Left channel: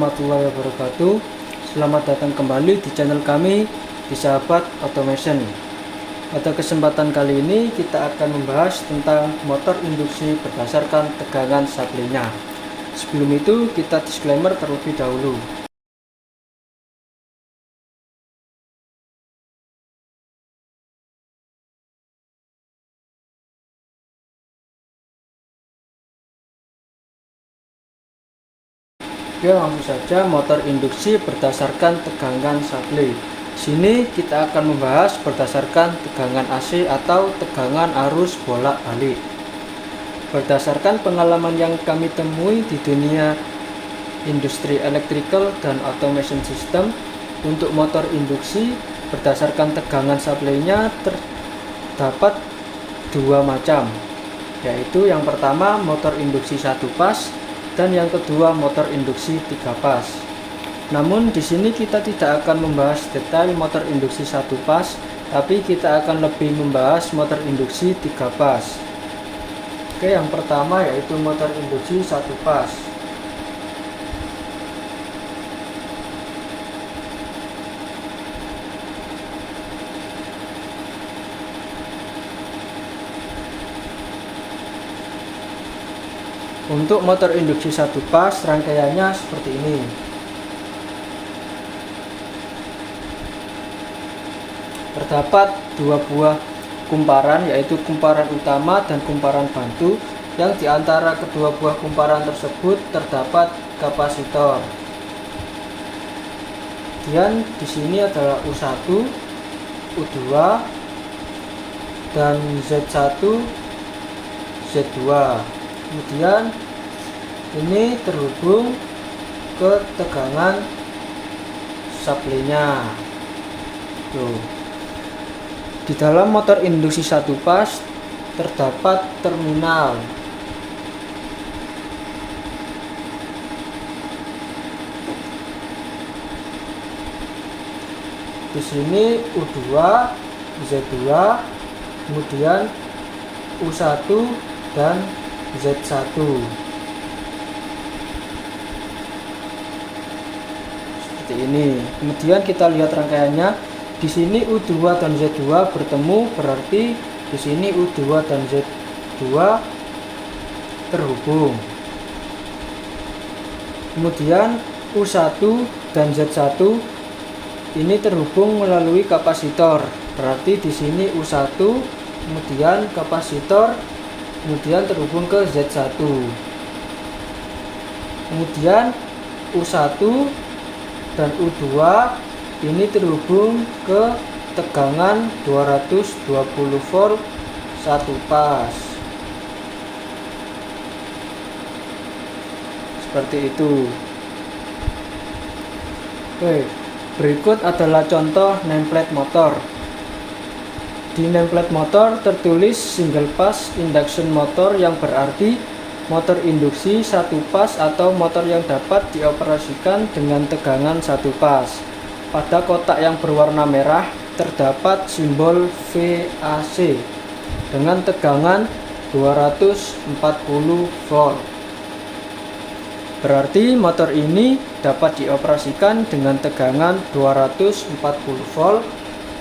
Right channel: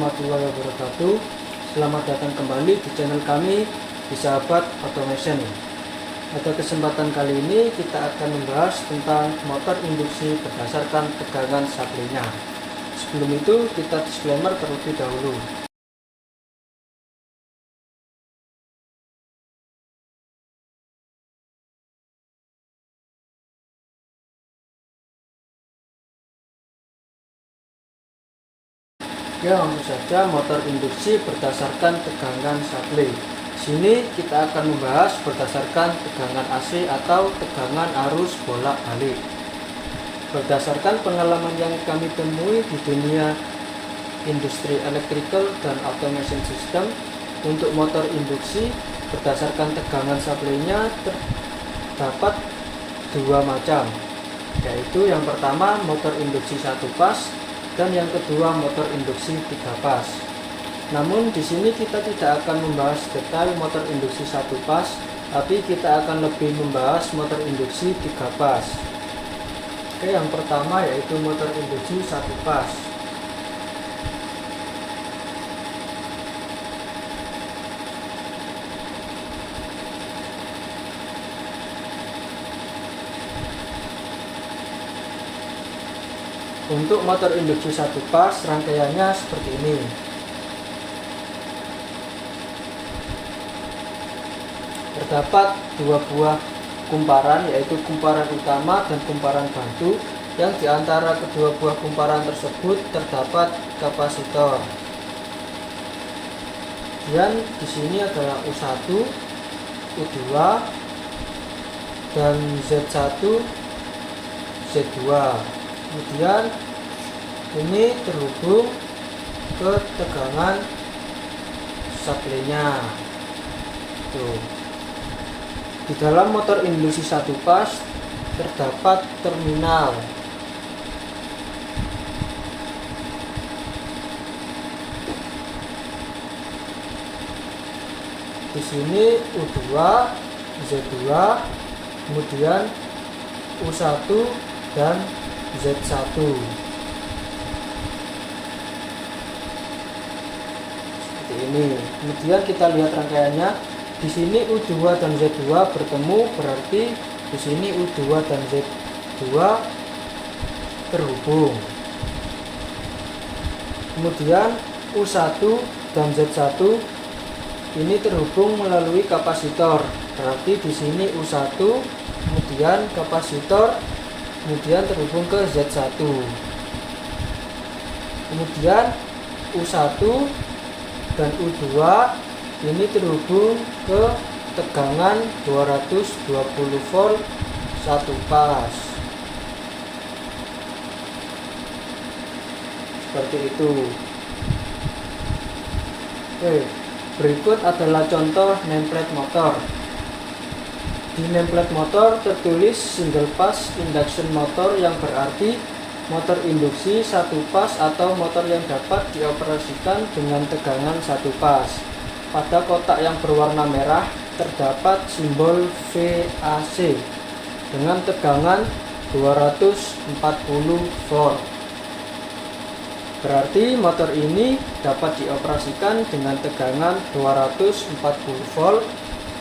warahmatullahi wabarakatuh. Selamat datang kembali di channel kami di Sahabat Automation. Pada kesempatan kali ini kita akan membahas tentang motor induksi berdasarkan tegangan supply-nya. Sebelum itu kita disclaimer terlebih dahulu. Ya, langsung saja motor induksi berdasarkan tegangan supply. Sini kita akan membahas berdasarkan tegangan AC atau tegangan arus bolak-balik. Berdasarkan pengalaman yang kami temui di dunia industri electrical dan automation system, untuk motor induksi berdasarkan tegangan supply-nya terdapat dua macam, yaitu yang pertama motor induksi 1 pas dan yang kedua motor induksi 3 pas. Namun di sini kita tidak akan membahas detail motor induksi 1 pas, tapi kita akan lebih membahas motor induksi 3 pas. Oke, yang pertama yaitu motor induksi 1 pas. Untuk motor induksi 1 pas rangkaiannya seperti ini. Terdapat dua buah kumparan, yaitu kumparan utama dan kumparan bantu, yang di antara kedua buah kumparan tersebut terdapat kapasitor. Kemudian di sini adalah U1, U2, dan Z1, Z2. Kemudian ini terhubung ke tegangan supply-nya. Tuh. Di dalam motor induksi 1 pas terdapat terminal. Di sini U2, Z2, kemudian U1 dan Z1. Seperti ini. Kemudian kita lihat rangkaiannya. Di sini U2 dan Z2 bertemu, berarti di sini U2 dan Z2 terhubung. Kemudian U1 dan Z1 ini terhubung melalui kapasitor. Berarti di sini U1, kemudian kapasitor, kemudian terhubung ke Z1. Kemudian U1 dan U2 ini terhubung ke tegangan 220 volt 1 pas. Seperti itu. Oke, berikut adalah contoh nameplate motor. Di nameplate motor tertulis single pass induction motor, yang berarti motor induksi 1 pas atau motor yang dapat dioperasikan dengan tegangan 1 pas. Pada kotak yang berwarna merah terdapat simbol VAC dengan tegangan 240 volt. Berarti motor ini dapat dioperasikan dengan tegangan 240 volt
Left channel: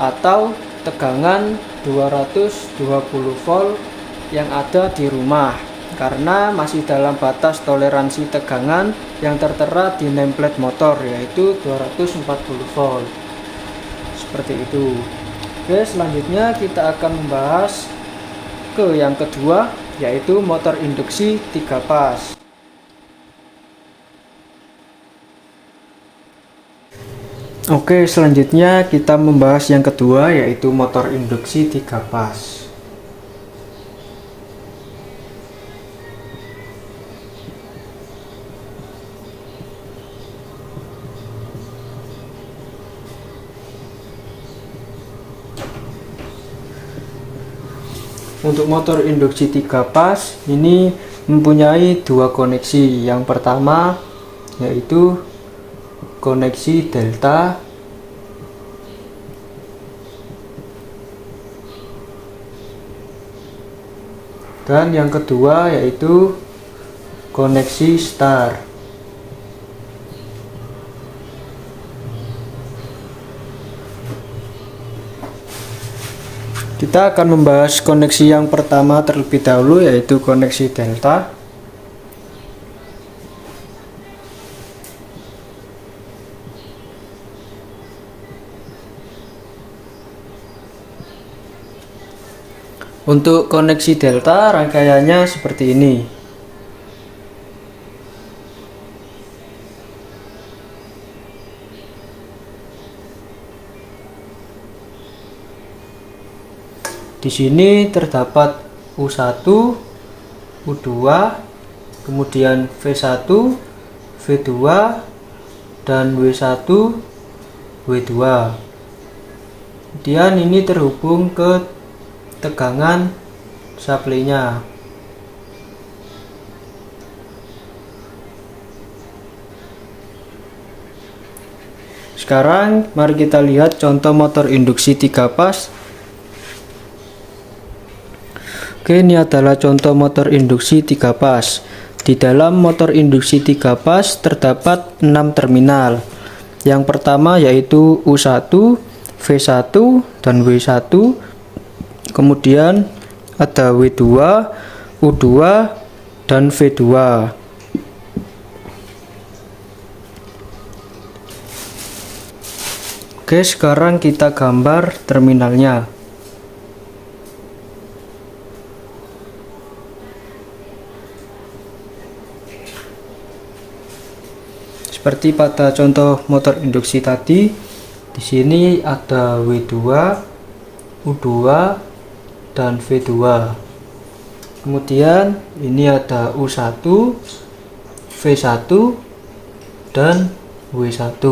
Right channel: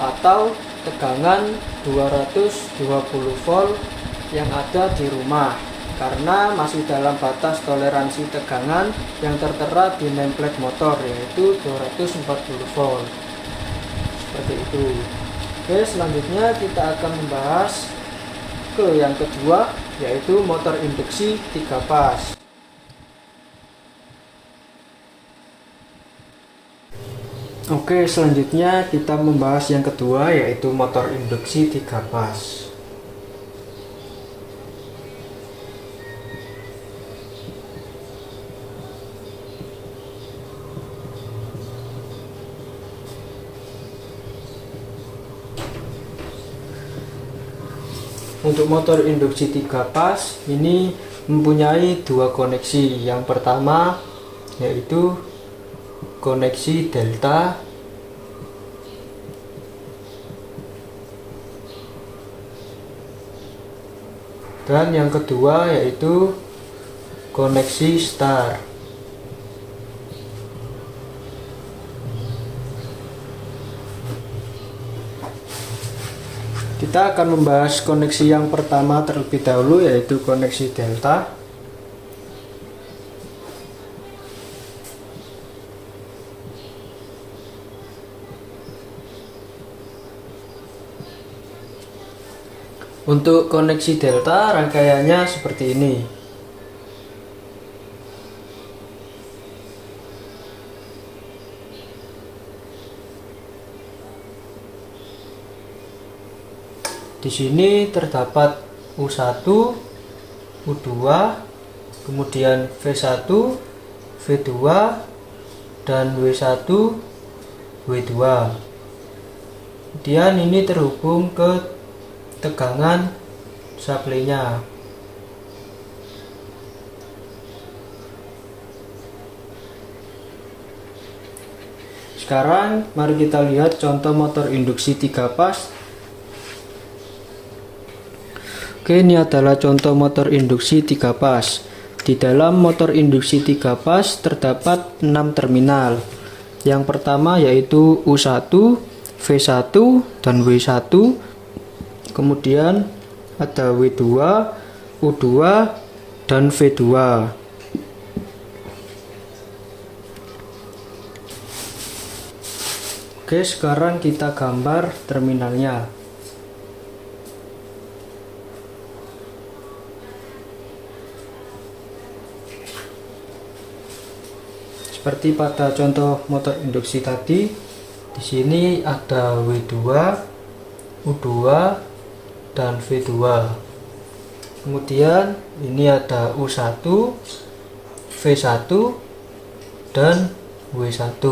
atau tegangan 220 volt yang ada di rumah, karena masih dalam batas toleransi tegangan yang tertera di nameplate motor, yaitu 240 volt. Seperti itu. Oke, selanjutnya kita akan membahas ke yang kedua, yaitu motor induksi 3 pas. Oke, selanjutnya kita membahas yang kedua, yaitu motor induksi 3 pas. Untuk motor induksi 3 pas ini mempunyai dua koneksi. Yang pertama yaitu koneksi delta, dan yang kedua yaitu koneksi star. Kita akan membahas koneksi yang pertama terlebih dahulu, yaitu koneksi delta. Untuk koneksi delta, rangkaiannya seperti ini. Di sini terdapat U1, U2, kemudian V1, V2, dan W1, W2. Kemudian ini terhubung ke tegangan supply-nya. Sekarang mari kita lihat contoh motor induksi 3 pas. Oke, ini adalah contoh motor induksi 3 pas. Di dalam motor induksi 3 pas terdapat 6 terminal. Yang pertama yaitu U1, V1, dan W1. Kemudian ada W2, U2, dan V2. Oke, sekarang kita gambar terminalnya. Seperti pada contoh motor induksi tadi, di sini ada W2, U2, dan V2. Kemudian ini ada U1, V1, dan W1.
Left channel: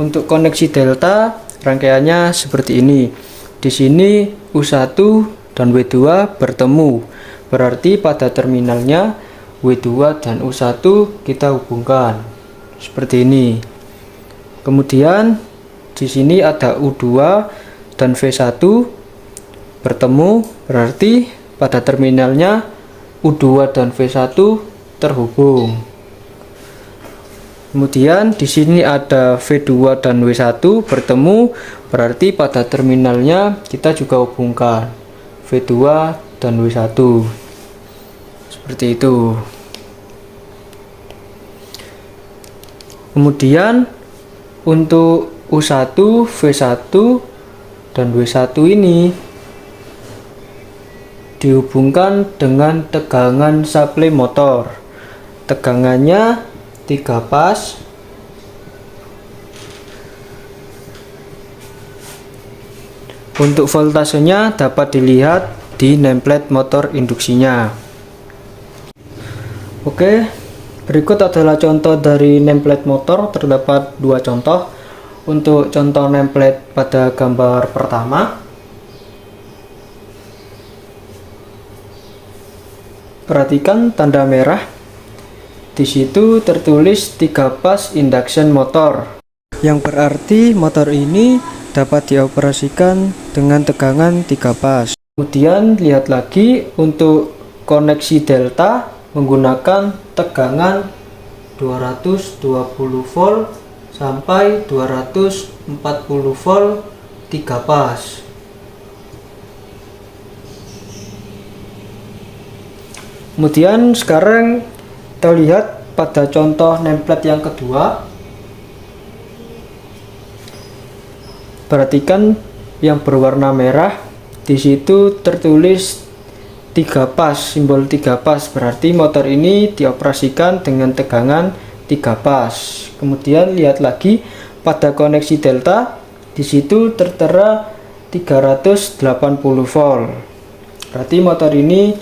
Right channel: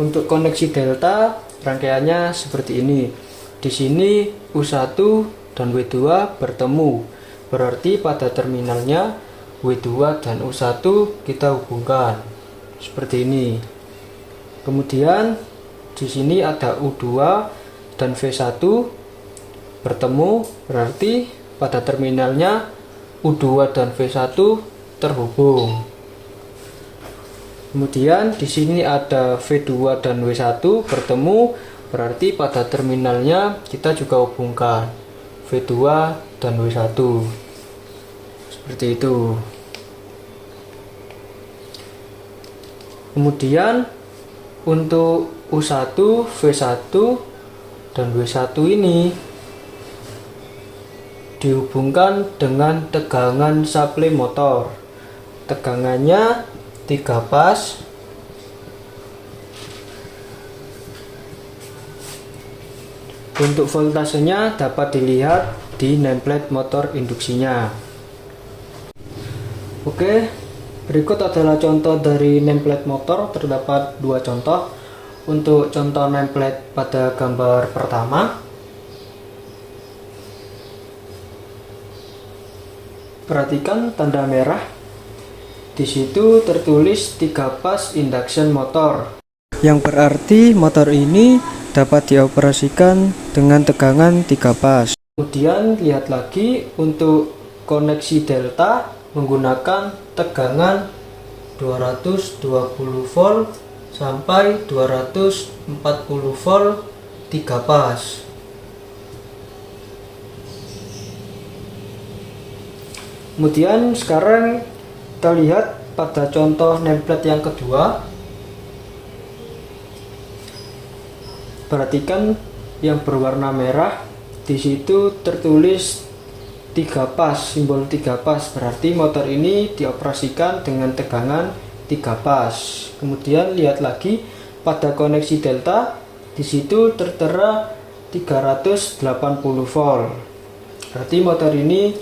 Untuk koneksi delta, rangkaiannya seperti ini. Di sini U1 dan W2 bertemu. Berarti pada terminalnya W2 dan U1 kita hubungkan seperti ini. Kemudian di sini ada U2 dan V1 bertemu, berarti pada terminalnya U2 dan V1 terhubung. Kemudian di sini ada V2 dan W1 bertemu, berarti pada terminalnya kita juga hubungkan V2 dan W1. Seperti itu. Kemudian untuk U1, V1, dan W1 ini dihubungkan dengan tegangan supply motor. Tegangannya 3 pas. Untuk voltasenya dapat dilihat di nameplate motor induksinya. Oke, berikut adalah contoh dari nameplate motor. Terdapat 2 contoh. Untuk contoh nameplate pada gambar pertama, perhatikan tanda merah. Di situ tertulis 3 pas induction motor, yang berarti motor ini dapat dioperasikan dengan tegangan 3 pas. Kemudian lihat lagi untuk koneksi delta menggunakan tegangan 220 volt sampai 240 volt 3 pas. Kemudian sekarang kita lihat pada contoh nameplate yang kedua. Perhatikan yang berwarna merah, di situ tertulis 3 pas, simbol 3 pas, berarti motor ini dioperasikan dengan tegangan 3 pas. Kemudian lihat lagi pada koneksi delta, di situ tertera 380 volt. Berarti motor ini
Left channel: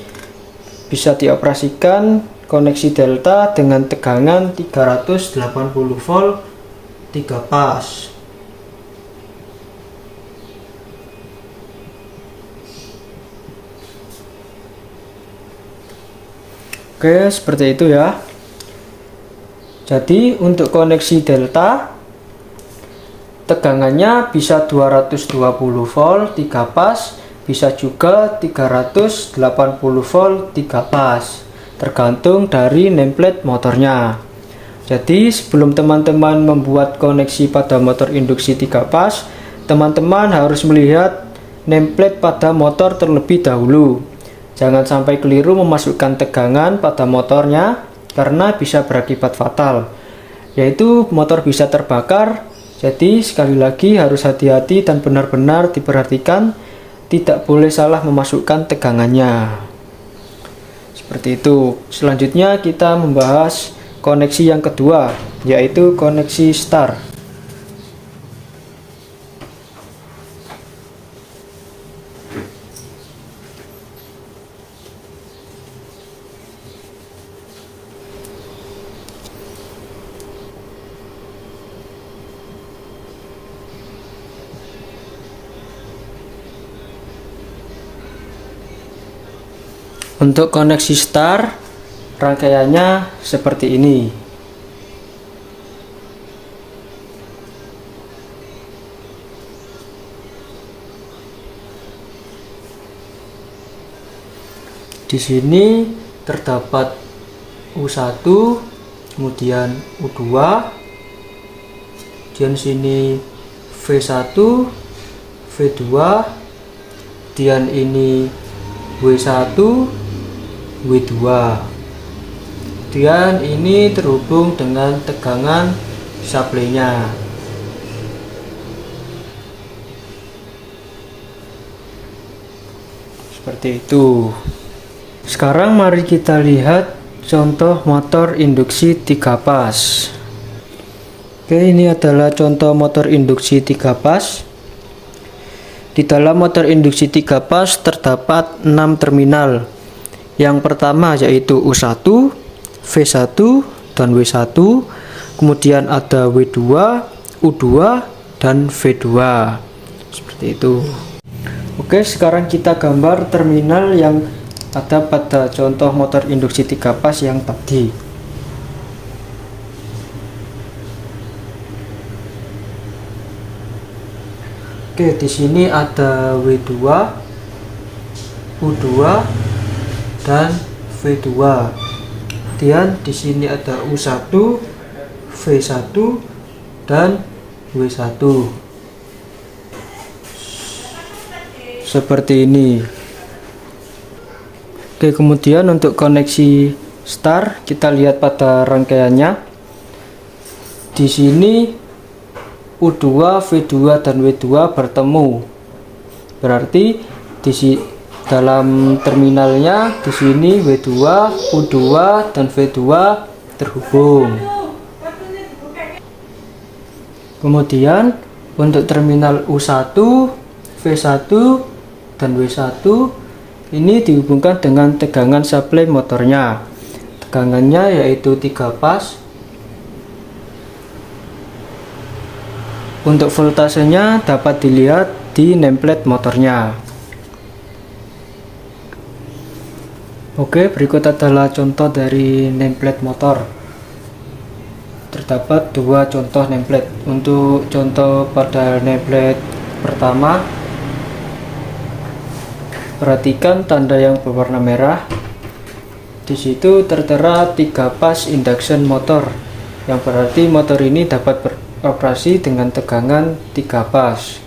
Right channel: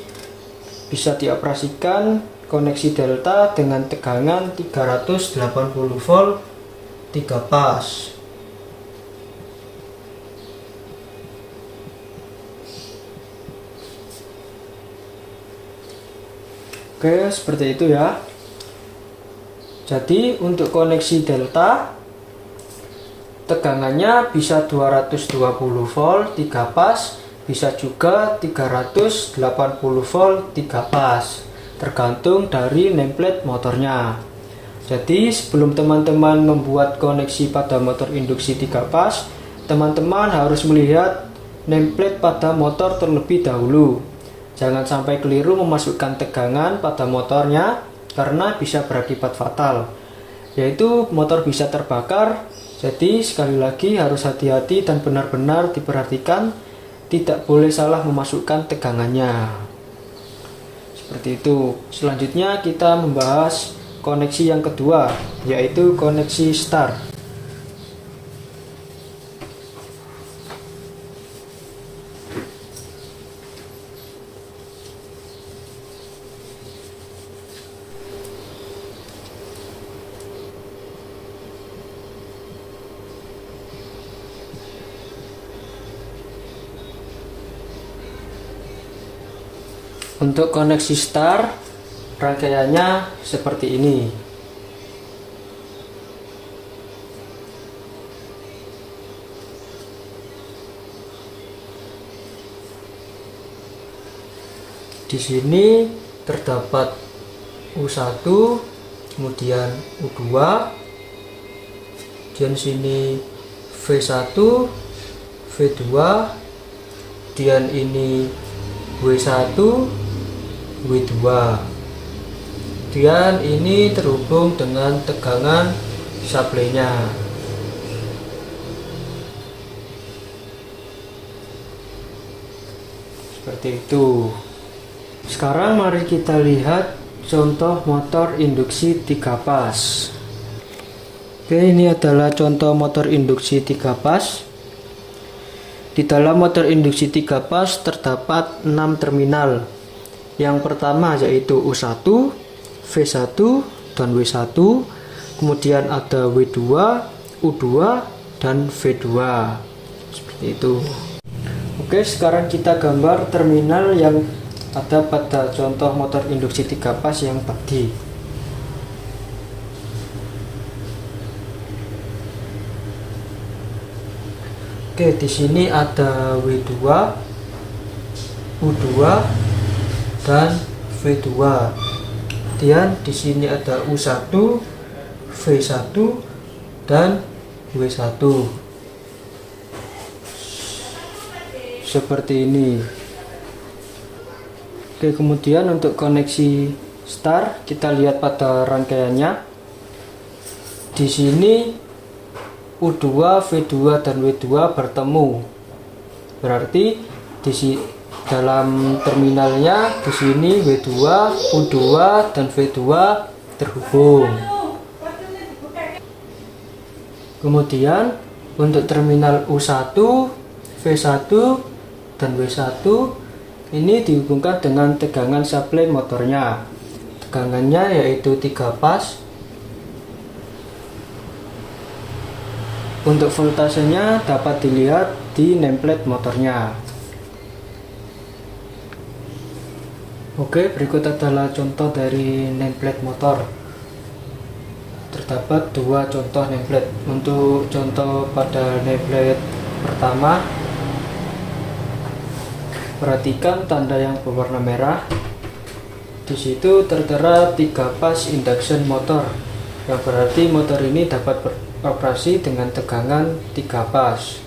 bisa dioperasikan koneksi delta dengan tegangan 380 volt 3 pas. Oke, seperti itu ya. Jadi untuk koneksi delta tegangannya bisa 220 volt 3 pas, bisa juga 380 volt 3 pas, tergantung dari nameplate motornya. Jadi sebelum teman-teman membuat koneksi pada motor induksi 3 pas, teman-teman harus melihat nameplate pada motor terlebih dahulu. Jangan sampai keliru memasukkan tegangan pada motornya karena bisa berakibat fatal, yaitu motor bisa terbakar. Jadi sekali lagi harus hati-hati dan benar-benar diperhatikan, tidak boleh salah memasukkan tegangannya. Seperti itu. Selanjutnya kita membahas koneksi yang kedua, yaitu koneksi star. Untuk koneksi star, rangkaiannya seperti ini. Di sini terdapat U1, kemudian U2, dan sini V1, V2, dan ini W1, W2. Dan ini terhubung dengan tegangan suplainya. Seperti itu. Sekarang mari kita lihat contoh motor induksi 3 pas. Oke, ini adalah contoh motor induksi 3 pas. Di dalam motor induksi 3 pas terdapat 6 terminal. Yang pertama yaitu U1, V1, dan W1. Kemudian ada W2, U2, dan V2. Seperti itu. Oke, sekarang kita gambar terminal yang ada pada contoh motor induksi 3 pas yang tadi. Oke, di sini ada W2, U2, dan V2. Kemudian di sini ada U1, V1, dan W1. Seperti ini. Oke, kemudian untuk koneksi star kita lihat pada rangkaiannya. Di sini U2, V2, dan W2 bertemu. Berarti dalam terminalnya di sini W2, U2, dan V2 terhubung. Kemudian untuk terminal U1, V1, dan W1 ini dihubungkan dengan tegangan suplai motornya. Tegangannya yaitu 3 pas. Untuk voltasenya dapat dilihat di nameplate motornya. Oke, berikut adalah contoh dari nameplate motor. Terdapat 2 contoh nameplate. Untuk contoh pada nameplate pertama, perhatikan tanda yang berwarna merah. Di situ tertera 3 pas induction motor, yang berarti motor ini dapat beroperasi dengan tegangan 3 pas.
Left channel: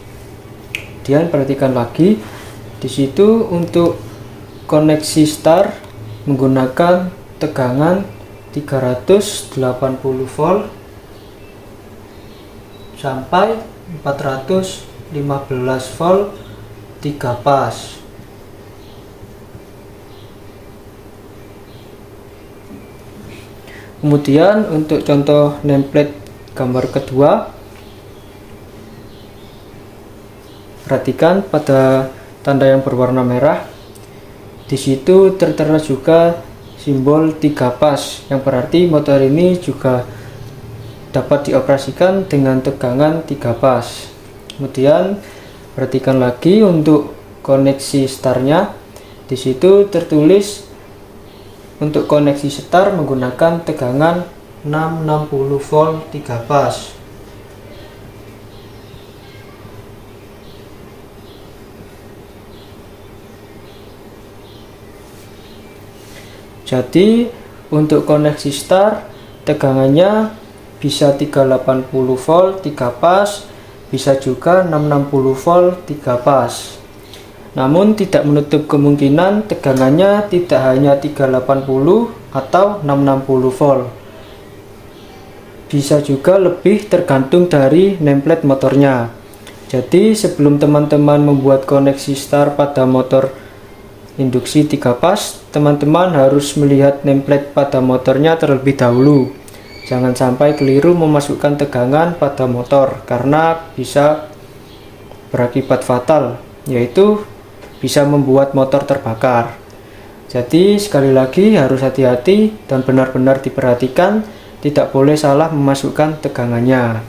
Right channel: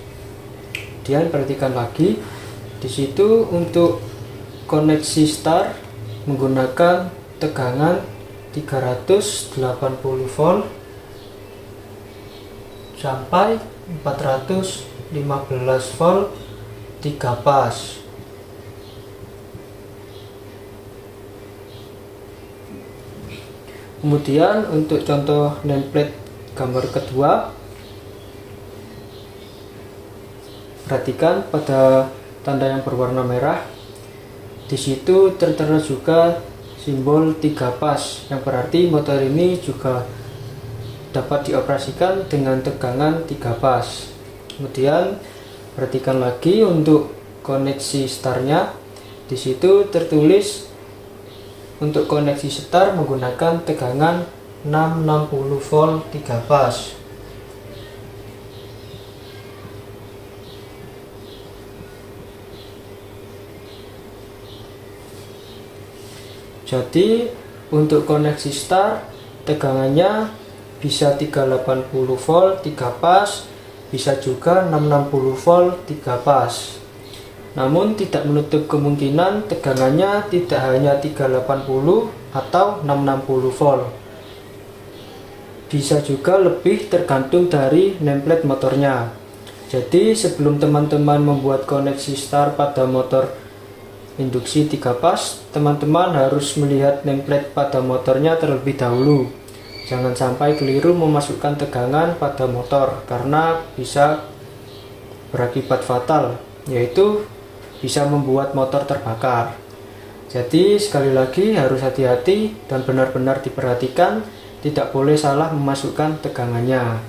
Kemudian perhatikan lagi, di situ untuk koneksi star menggunakan tegangan 380 volt sampai 415 volt 3 pas. Kemudian untuk contoh nameplate gambar kedua, perhatikan pada tanda yang berwarna merah. Di situ tertera juga simbol 3 pas, yang berarti motor ini juga dapat dioperasikan dengan tegangan 3 pas. Kemudian perhatikan lagi untuk koneksi startnya. Di situ tertulis untuk koneksi start menggunakan tegangan 660 volt 3 pas. Jadi untuk koneksi start Tegangannya bisa 380 volt 3 pas, bisa juga 660 volt 3 pas. Namun tidak menutup kemungkinan tegangannya tidak hanya 380 atau 660 volt. Bisa juga lebih, tergantung dari nameplate motornya. Jadi sebelum teman-teman membuat koneksi star pada motor induksi 3 pas, teman-teman harus melihat nameplate pada motornya terlebih dahulu. Jangan sampai keliru memasukkan tegangan pada motor, karena bisa berakibat fatal, yaitu bisa membuat motor terbakar. Jadi sekali lagi harus hati-hati dan benar-benar diperhatikan, tidak boleh salah memasukkan tegangannya.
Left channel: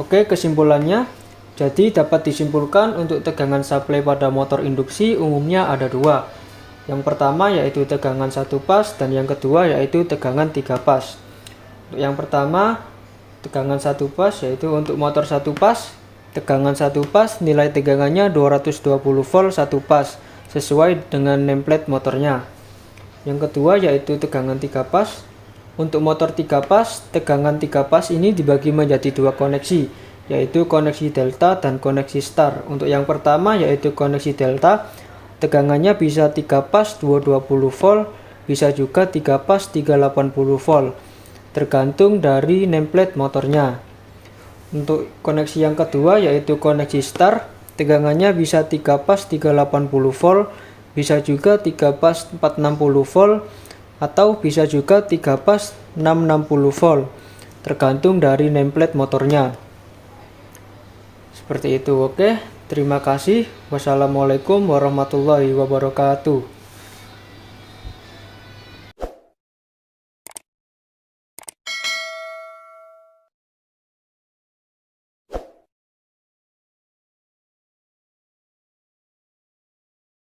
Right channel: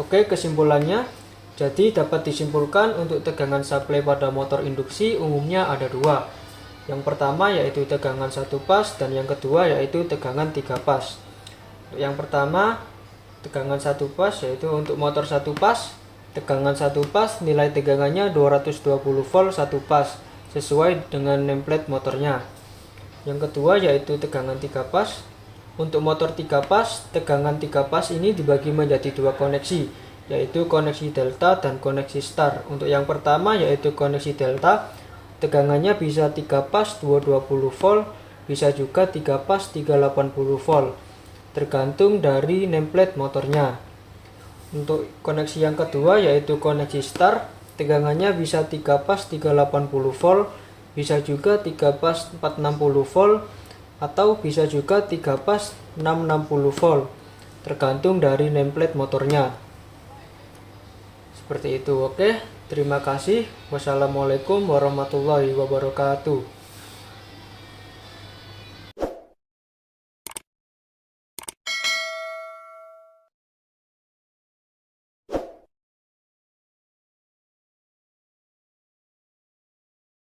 Oke, kesimpulannya, jadi dapat disimpulkan untuk tegangan supply pada motor induksi umumnya ada dua. Yang pertama yaitu tegangan 1 pas dan yang kedua yaitu tegangan 3 pas. Untuk yang pertama, tegangan 1 pas yaitu untuk motor 1 pas, tegangan 1 pas nilai tegangannya 220 volt 1 pas sesuai dengan nameplate motornya. Yang kedua yaitu tegangan 3 pas. Untuk motor 3 pas, tegangan 3 pas ini dibagi menjadi dua koneksi, yaitu koneksi delta dan koneksi star. Untuk yang pertama yaitu koneksi delta, tegangannya bisa 3 pas 220 volt, bisa juga 3 pas 380 volt, tergantung dari nameplate motornya. Untuk koneksi yang kedua yaitu koneksi star, tegangannya bisa 3 pas 380 volt, bisa juga 3 pas 460 volt, atau bisa juga 3 pas 660 volt, tergantung dari nameplate motornya. Seperti itu. Oke, terima kasih. Wassalamualaikum warahmatullahi wabarakatuh.